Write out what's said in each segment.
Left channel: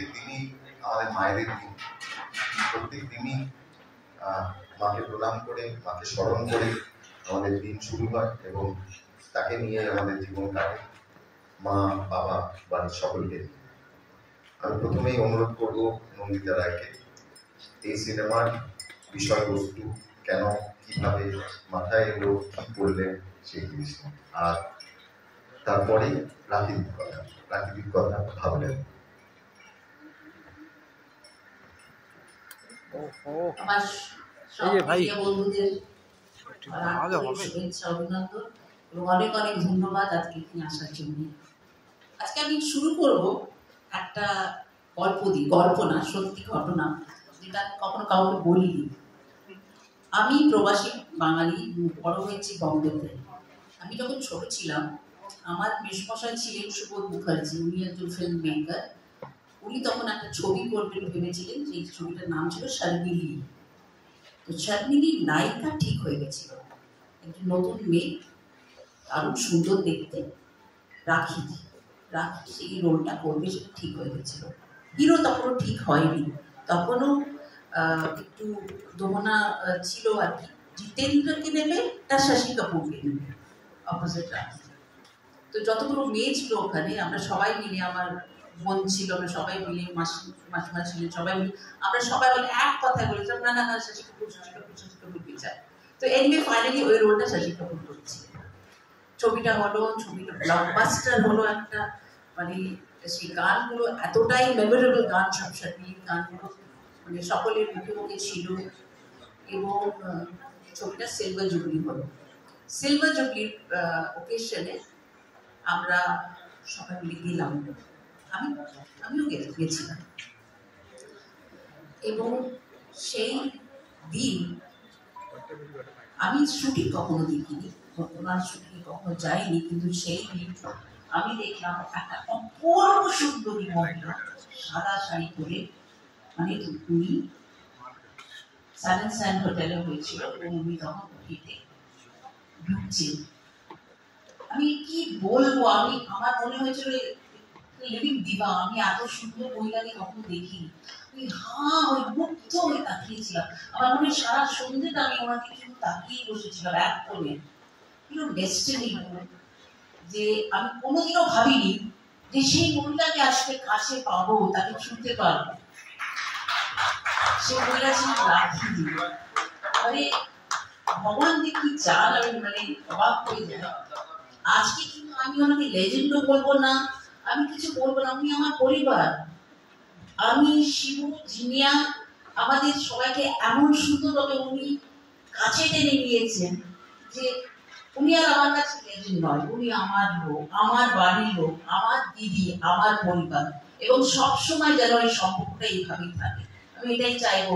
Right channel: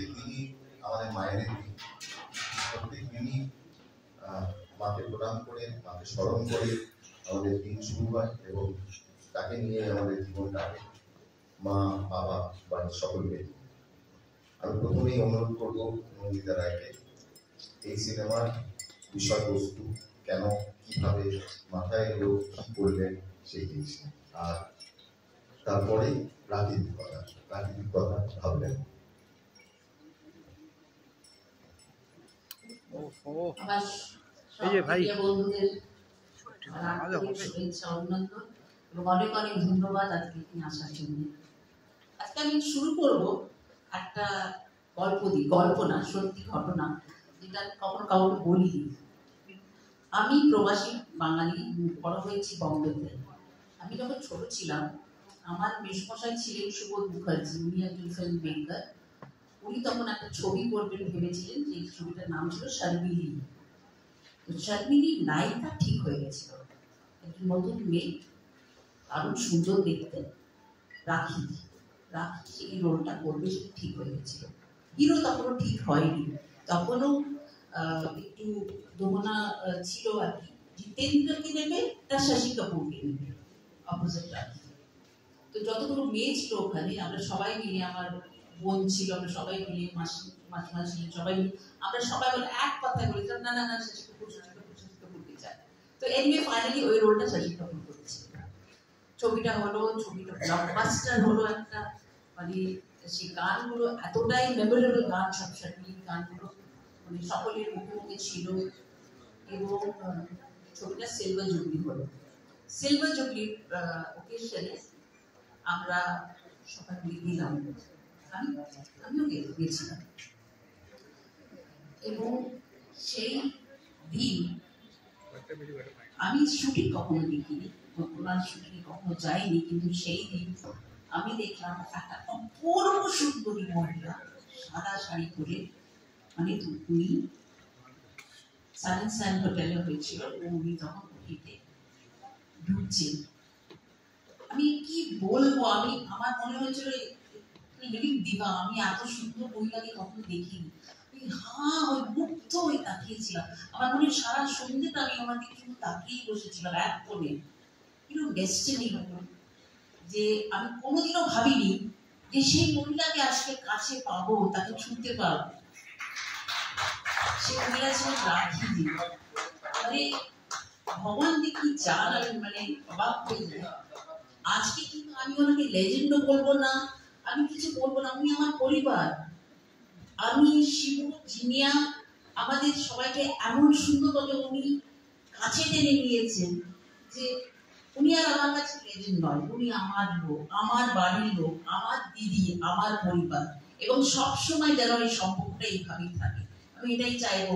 প্রত্যেক দিনই আমাদের মায়েদের দিন। প্রত্যেক দিনই মাকে প্রণাম করে, মাকে স্মরণ করে আমাদের দিন শুরু হয় এবং তাকে নিয়ে আমাদের জীবন কাটে, মা, বাবা, বাড়ির সকলকে নিয়ে। আমি প্রথমেই অনুরোধ করব নন্দিতা রায়কে এই সিনেমার বিষয়বস্তু কেন, কিভাবে মাথায় এলো, কি করলেন সেই জিনিসটা, আর তারপরে প্রাকৃতিক কথা ভাবলেন। আমার সব প্রিয় বন্ধুদের শুভেচ্ছা, অভিনন্দন এবং অনেক অনেক ধন্যবাদ আজকে এখানে আসার জন্য। আজকে আমি শুরু করব একটা গল্প দিয়ে, গল্প না, সত্যি ঘটনা, যেটা কখনো কাউকে বলিনি। আমি প্রবাসী বাঙালি, বড় হয়েছি বম্বেতে। আমি যখন ছোট ছিলাম, আমার মেশমশাই ছিলেন সুবোধ মুখার্জি, উনি একজন ফিল্ম মেকার। উনি তখন একটা ছবি করবেন ভেবেছিলেন, সেই ছবিটার নাম ছিল শর্মিলি। তো শর্মিলির নায়িকা ঠিক হয়ে গেছিল, একজন নতুন মেয়ে, দারুণ সুন্দর দেখতে, রাখি সেই রোলটা করবে, সেটা ঠিক হয়ে গেছিল। হিরো তখনও ঠিক হয়নি, তখনও একটু দোমনা ছিল আর কি। জিতেন্দ্রকে নেবে, তার শশী কাপুরকে নেবে, অপোজিট রাখি। তো যতগুলো মেয়ে ছিল ওখানে, আমরা সবাই মিলে, আমার বোন ছিল, আমরা সবাই মিলে, মাসিমা ছিলেন, সবাই মিলে, আমরা সবাই মিলে এক কথায় বলেছিলাম না না না, শশী কাপুরকে চাই। তো এনিওয়ে ফাইনালি ওই রোলটা শশী কাপুর করছে। ছবিটা হলো, ছবিটা ব্লকবাস্টার হলো একটা, মানে সেই গানগুলো এতটাই মেমোরেবল গান, সব শর্মিলির গানগুলো মানে সকলের মুখে মুখে ছিল। এবং ছবিটা সিলভার জুবলি হলো। সিলভার জুবলির ওকেশনে আমরা সবাই মিলে গেলাম, আমিও গেছিলাম। এবং সেই দিন আমি শুটিং কখনো দেখিনি, ওনার শুটিং কখনো যাইনি, কিন্তু সেই দিন আমি দেখলাম একটা অপূর্ব সুন্দরী মহিলা সাদা শাড়ি পরে, মানে উনি সান হোটেলে হয়েছিল এবং উনি তখন হেঁটে ঢুকছেন। আমি কি বলবো, আমার মনে হয়েছিল লিভিং দিবা, আমি এত সুন্দর মহিলাকে কখনো দেখিনি। আমি মুগ্ধ হয়ে তাকিয়েছিলাম। আমার মনে হয় সারা সন্ধ্যেটা আমি ওনাকে কিন্তু তাকিয়ে বসেছিলাম এক কোণে। ডেস্টিনি, যে আমি কোনোদিনও ভাবিনি যে সেই মহিলাকে আজকে কাছে পাবো, তাকে ছুঁতে পারবো। সেই মহিলা ছিল রাখি। মানে ভগবান যে কি চান, আমি মানে অবাক হয়ে যাই। আজকে কিন্তু আমি ওনাকে লেজেন্ডও বলবো না, আমি কিছু বলবো না, উনি আমার পরিবার। আমি শিবু, জিনিয়া, আমাদের সবাইকে এমন সুন্দরভাবে উনি কাছে টেনে নিয়েছেন যে উনি আর আমার কাছে লেজেন্ড নয়, উনি আমার লোক, আমার বাড়ির লোক, আমার দিদি, আমার পরিবার। এবং সবসময় যেন এই সম্পর্কটা এইভাবেই থাকে, আমি এটাই চাইবো।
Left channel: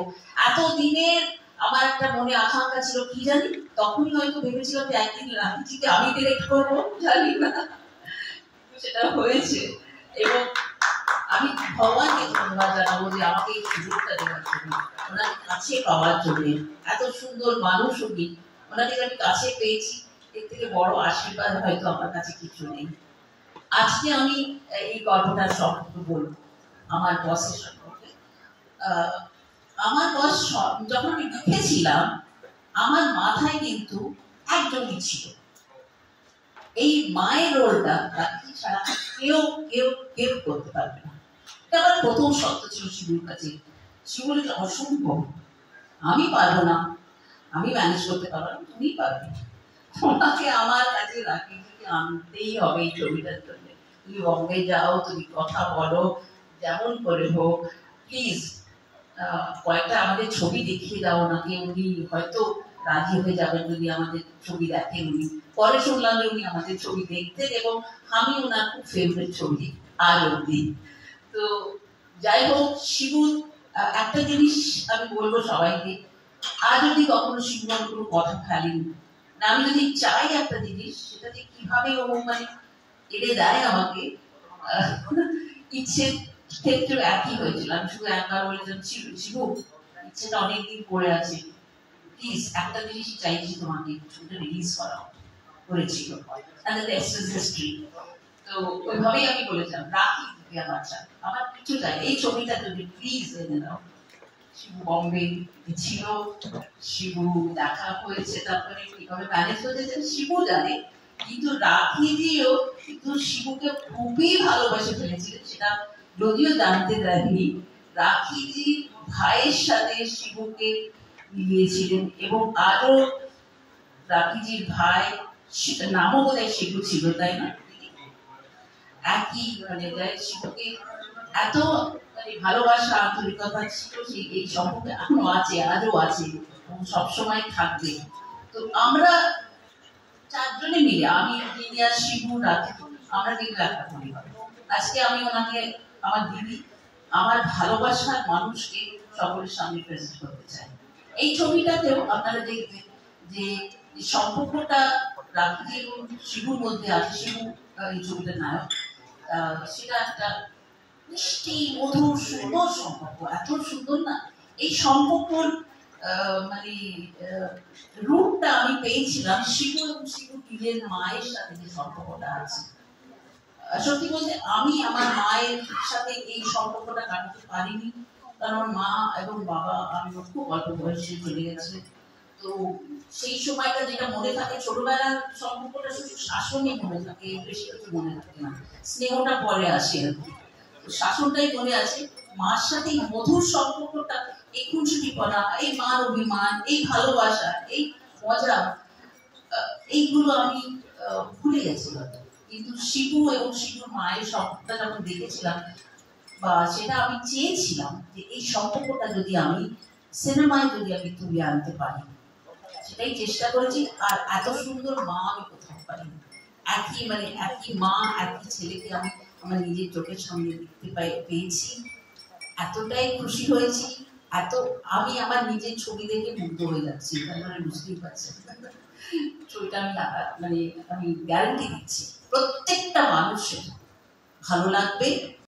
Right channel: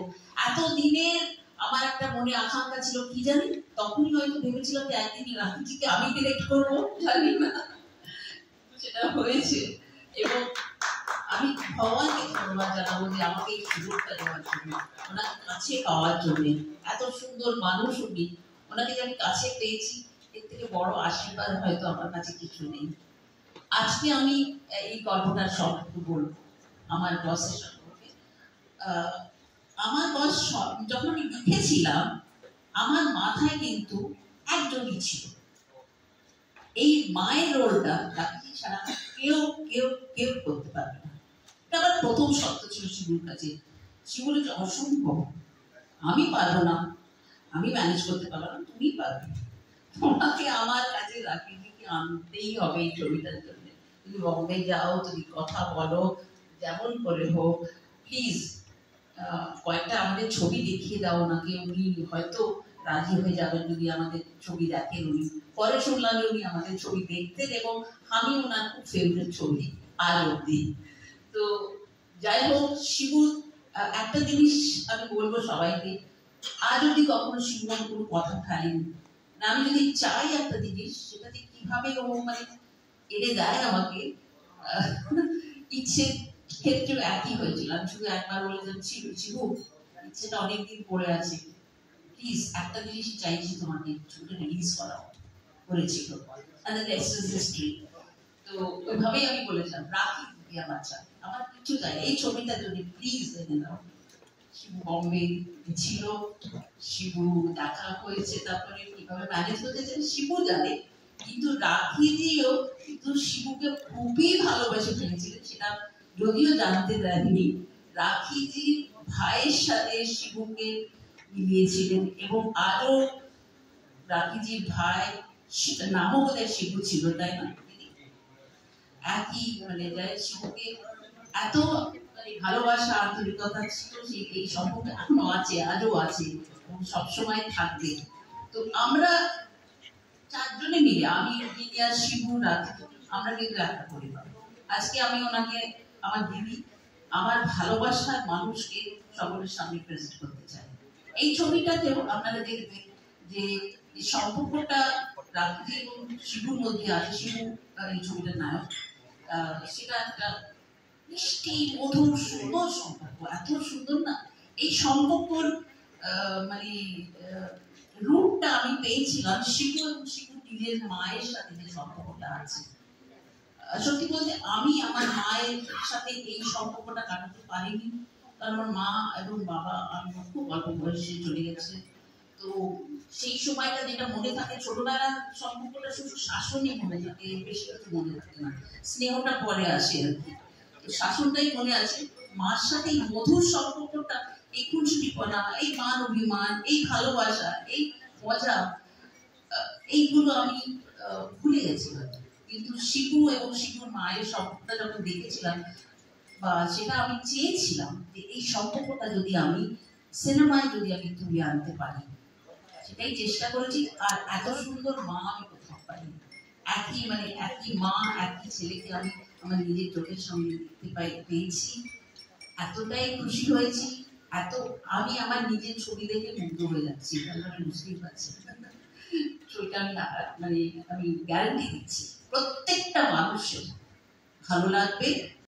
এতদিনের আমার একটা মনে আকাঙ্ক্ষা ছিল, কি জানি, তখনই হয়তো ভেবেছিলাম যে একদিন রাখিজিকে আমি ডিরেক্ট করবো, জানি না সেটা হয়েছে। এবং আমি ভগবানকে ধন্যবাদ জানাবো যে আমাকে এই সুযোগটা দেওয়ার জন্য, ওনাকে কাছে পাওয়ার জন্য। এত সুন্দর মানুষ উনি, ওনাকে আমি কাছে পেয়েছি, এর থেকে বড় আশীর্বাদ হয়তো আমার কাছে কিছু নেই। আজকে আমি এই গল্পটার সম্পর্কে বলবো আমার বসের সম্পর্কে। আমার বস যখন আমি লিখেছিলাম, আমার মাথায় কিন্তু একজনই ছিল, এই মায়ের রোলটা তাকে ছাড়া কেউ কেউ কেউ করতে পারবে না। এটা আমার প্রথম শর্ত ছিল শিবুর কাছে। শিবু বলে অসম্ভব, আমি পারবো না, আমি ম্যানেজ করতে পারবো না, তুমি পারবে। ওনাকে আমার কাছে রাখিকে আনতেই হবে এই ছবিটার জন্য। তুমি বম্বে যাও, তুমি কথা বলো, যেমন করে হোক প্লিজ কয়েকটা আমাদের ছবি দেখিয়ে দাও ওনাকে, উনি হয়তো রাজি হয়ে যাবেন যদি আমাদের ছবি দেখেন। উনি পরে শুনলাম যে উনি আমাদের ছবি দেখতেন এবং আমি ওনার খুব ফেভারিট ছবি আর অব্দি। তো যাই হোক, শিবু একটা জিনিস আমি বলবো সবাইকে, আর যদি কখনো শিবুর কোনো কথা ফেলেন না, আমি যদি চাই একটা জিনিস, সেটা যে কিভাবে ও মানে এড়ে দেয় আমাকে, ইচ্ছে ক্ষেত্রে একই হয়েছিল। আমি শুধু একবার বলেছিলাম, শিবু ইচ্ছেটা অনেকদিন পড়ে আছে, প্লিজ একটা জিনিসই চাইছি তোমাকে, ছবিটা রিলিজ করাও, করেছিল। তো ওইভাবেই আমি বলেছিলাম, রাখি থেকে আমার চাই, আমার কিছু চাই, এই ছবিটা যদি প্লিজ এনে দাও। শিবু বম্বে ছিল, শিবু দেখা হয়েছে, তারপরে কিভাবে ম্যানেজ হয়েছে শিবু জানে, কিন্তু রাখিজিও কিন্তু শিবুকে খুবই ভালোবেসে ফেলেছিলেন, সেটা যদিও জানতে দেননি। রাখিজি ভাইয়ের সাথে শিবুকে মিলিয়েছিলেন, এবং আরো রাখিজির ভাই নামও বোধহয় শিবু ছিল, তাই না? একই মানে শিবুকে এত মানে ভালোবাসা আন্তরিকতা ছিল, সেই এই সম্পর্কে এখনো আছে, আজও আছে এবং সবসময় থাকবে। তো আমরা চারজনে মিলে, আমি ইঞ্জিনিয়ার, শিবু, রাখি, আমরা কিন্তু একটা পরিবার। আজকে আমি ওনাকে আমার দিদি, আমার ভালোবাসার মানুষকে সকলের সামনে প্রেজেন্ট করতে চাই। এই ছবিটাতেও আপনারা দেখবেন যে সম্পর্কটা রাখি এবং শিবুর মধ্যে আছে। শিবু এই ছবিটার নায়ক, সেটা একটা মিষ্টি মধুর সুন্দর সম্পর্ক, এত সুন্দর না এই সম্পর্কর মানে রূপটা আমি পেয়েছিলাম শিবু এবং শিবু টিলের মায়ের সাথে যে সম্পর্কটা আছে। সত্যি বলতে আমি আমার মায়ের সাথে এই সম্পর্কটা কাটাতে পারিনি, কারণ মা এবং বাবা আমি খুব অল্প বয়সে চলে গেছে। তো সেই সময়টা যেটা মনে থাকে, ছোটবেলার সম্পর্কটা শুধু শাসনই মনে থাকে, বেশি কিছু মনে থাকে না, স্নেহটা পরে আসে আর কি। তো শাসনটাই মনে আছে। মার সাথে এই মধুর সম্পর্কটা, এই খুনসুটিপনা, এই মান অভিমান, এই ভালোবাসা, এই মজা, এইগুলো আমি ভুলে গেছিলাম। কিন্তু শিবু এবং শিবুর মায়ের সম্পর্কটা যখন দেখেছিলাম, বা সেটা আমি চেয়েছিলাম যে এই সম্পর্কটা যদি আমি সিনেমায় যদি আমি তুলে আনতে পারি, সেটাই চেষ্টা করেছি। আর এত সুন্দর মা আমি কোথাও পাইনি। একই মা, একই ছেলেকে আমি আমার নিজের চোখের সামনে দেখতে পেয়েছি, এতটাই খুশি হয়েছি, আমি আমার নিজের ছবি দেখে মুগ্ধ হয়ে যাচ্ছি, মানে বুঝতেই পারছেন। ছবিটা আমি গ্যারান্টি দিচ্ছি প্রত্যেকটা মানুষের ভালো লাগবে।